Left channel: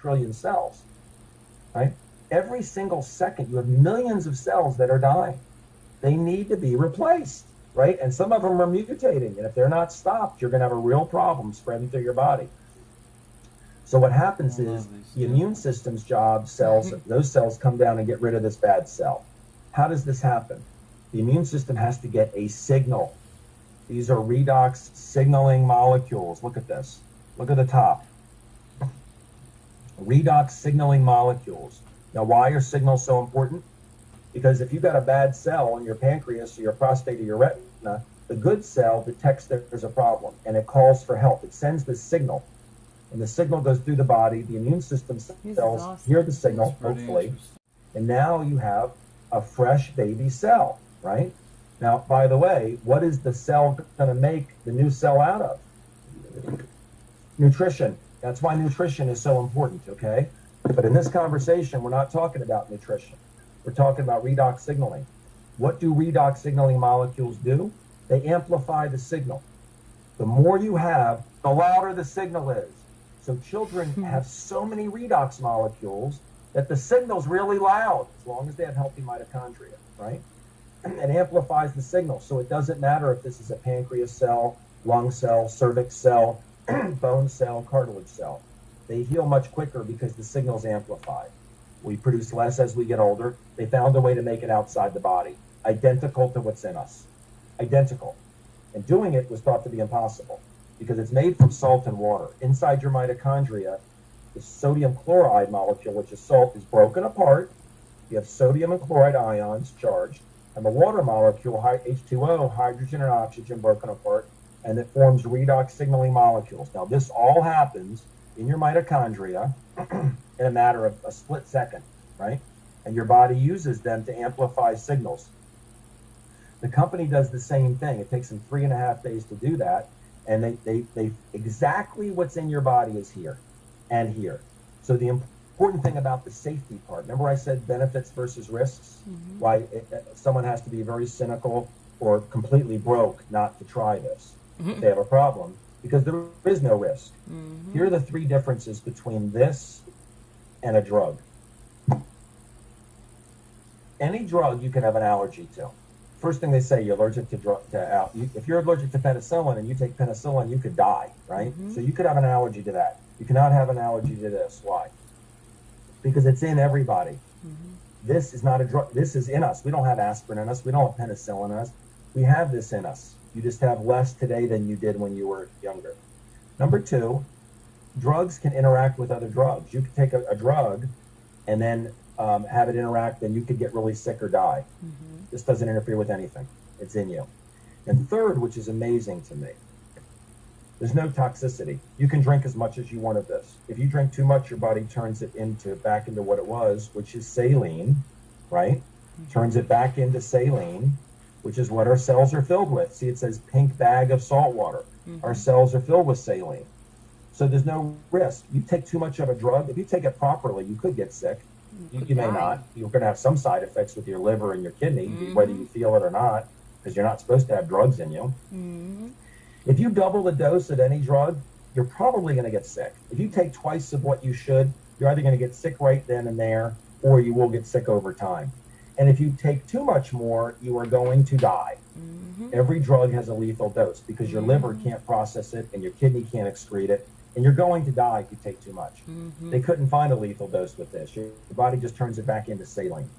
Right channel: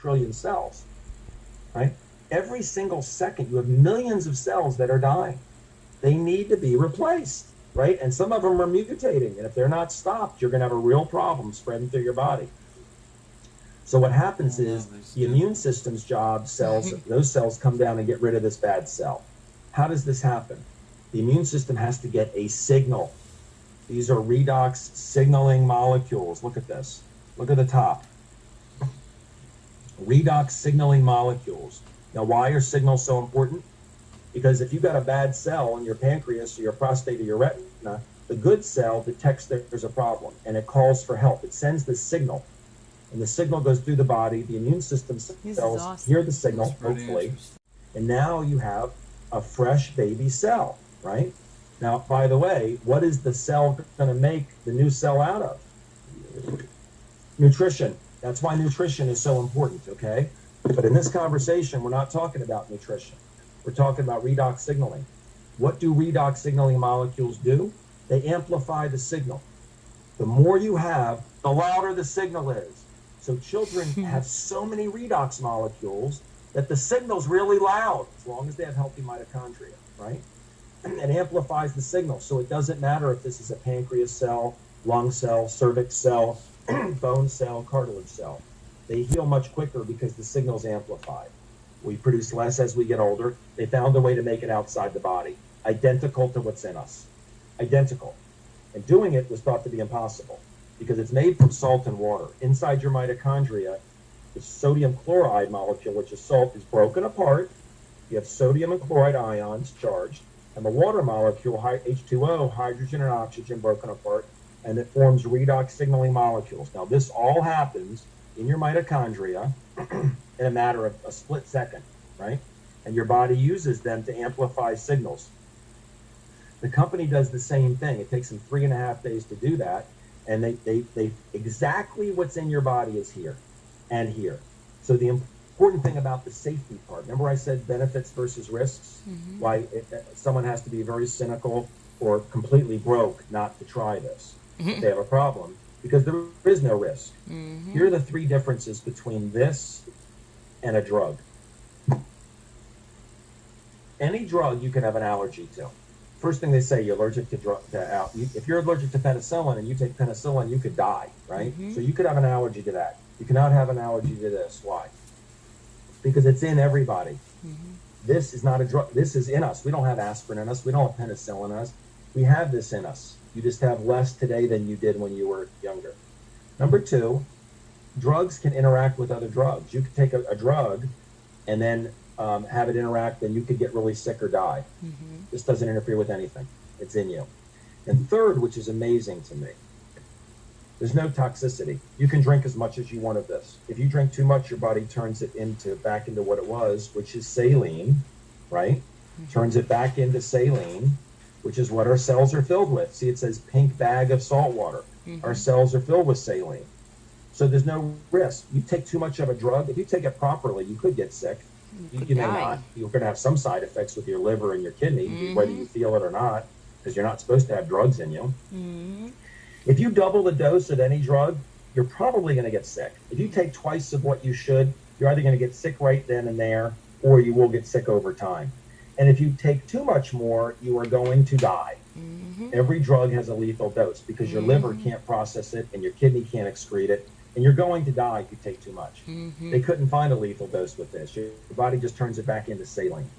trillion cells, right? Every single second, you have millions of cells that are dying. They need to be replaced, right? And some of them are mutating. And if they're not stopped, you're going to have a real problem spreading through your body. So what happens is the immune system's job, those cells come down and get rid of this bad cell. How does this happen? The immune system has to get a signal. These are redox signaling molecules. Look at this. Look at the top. Redox signaling molecules. Now, why are signals so important? Because if you've got a bad cell in your pancreas or your prostate or your retina, the good cell detects that there's a problem and it calls for help. It sends the signal. And the signal goes through the body. The immune system cells hear the signal, hopefully. And now you have a fresh baby cell, right? Now, by the way, what is the cell going to make the new cell out of? Nutrition. That's why nutrition is so important, okay? But in this conversation, we're not talking about nutrition. We're talking about redox signaling. What do redox signaling molecules do? They amplify the signal. The more you have, the louder the signal is. So children have so many redox molecules that the signal's really loud, as long as they have healthy mitochondria, right? It amplifies the signal. So it doesn't matter if this is a pancreas cell, lung cell, cervix cell, bone cell, cartilage cell. They heal much quicker because the signal's amplified. We produce less as we get older. They found a way to make it outside the body, identical to what's in us. Identical. And doing it was thought to be impossible because it's made from salt and water. Inside your mitochondria, the sodium chloride molecule, which is salt, is broken apart. You have sodium and chloride ions charged, and the water molecule, H2O, hydrogen and oxygen, broken apart, and it forms redox signaling molecules. Now, this all happens in your mitochondria in a matter of a split second, right? And your body uses them to amplify signals. The company does the same thing. It takes them 3.5 days to do that, and they exactly what's in your body is here and here. So the important thing about the safety part, remember I said benefits versus risks? Mm-hmm. Why someone has to be very cynical or completely broke not to try this. Mm-hmm. They have a problem because there is no risk. Mm-hmm. Here are the 3 differences between this and a drug. Any drug you can have an allergy to. First thing they say, you're allergic to if you're allergic to penicillin and you take penicillin, you could die, right? Mm-hmm. So you could have an allergy to that. You cannot have an allergy to this. Why? Because it's in everybody. Mm-hmm. This is not a drug. This is in us. We don't have aspirin in us. We don't have penicillin in us. We have this in us. You just have less today than you did when you were younger. Number 2, drugs can interact with other drugs. You could take a drug and then have it interact, and you could get really sick or die. Mm-hmm. This doesn't interfere with anything. It's in you. And third, which is amazing to me, there's no toxicity. You can drink as much as you want of this. If you drink too much, your body turns it back into what it was, which is saline, right? Mm-hmm. Turns it back into saline, which is what our cells are filled with. See, it says pink bag of salt water. Mm-hmm. Our cells are filled with saline. So there's no risk. You take too much of a drug, if you take it properly, you could get sick. You may not. You're going to have some side effects with your liver and your kidney, mm-hmm. whether you feel it or not, because you're not supposed to have drugs in you. Mm-hmm. If you double the dose of any drug, you're probably going to get sick. If you take twice of what you should, you're either going to get sick right then and there, or you will get sick over time. And if you take too much more, you are going to die. Mm-hmm. Every drug has a lethal dose because your liver can't process it and your kidney can't excrete it. And you're going to die if you take too much. Mm-hmm. They couldn't find a lethal dose with this. Your body just turns it back into saline.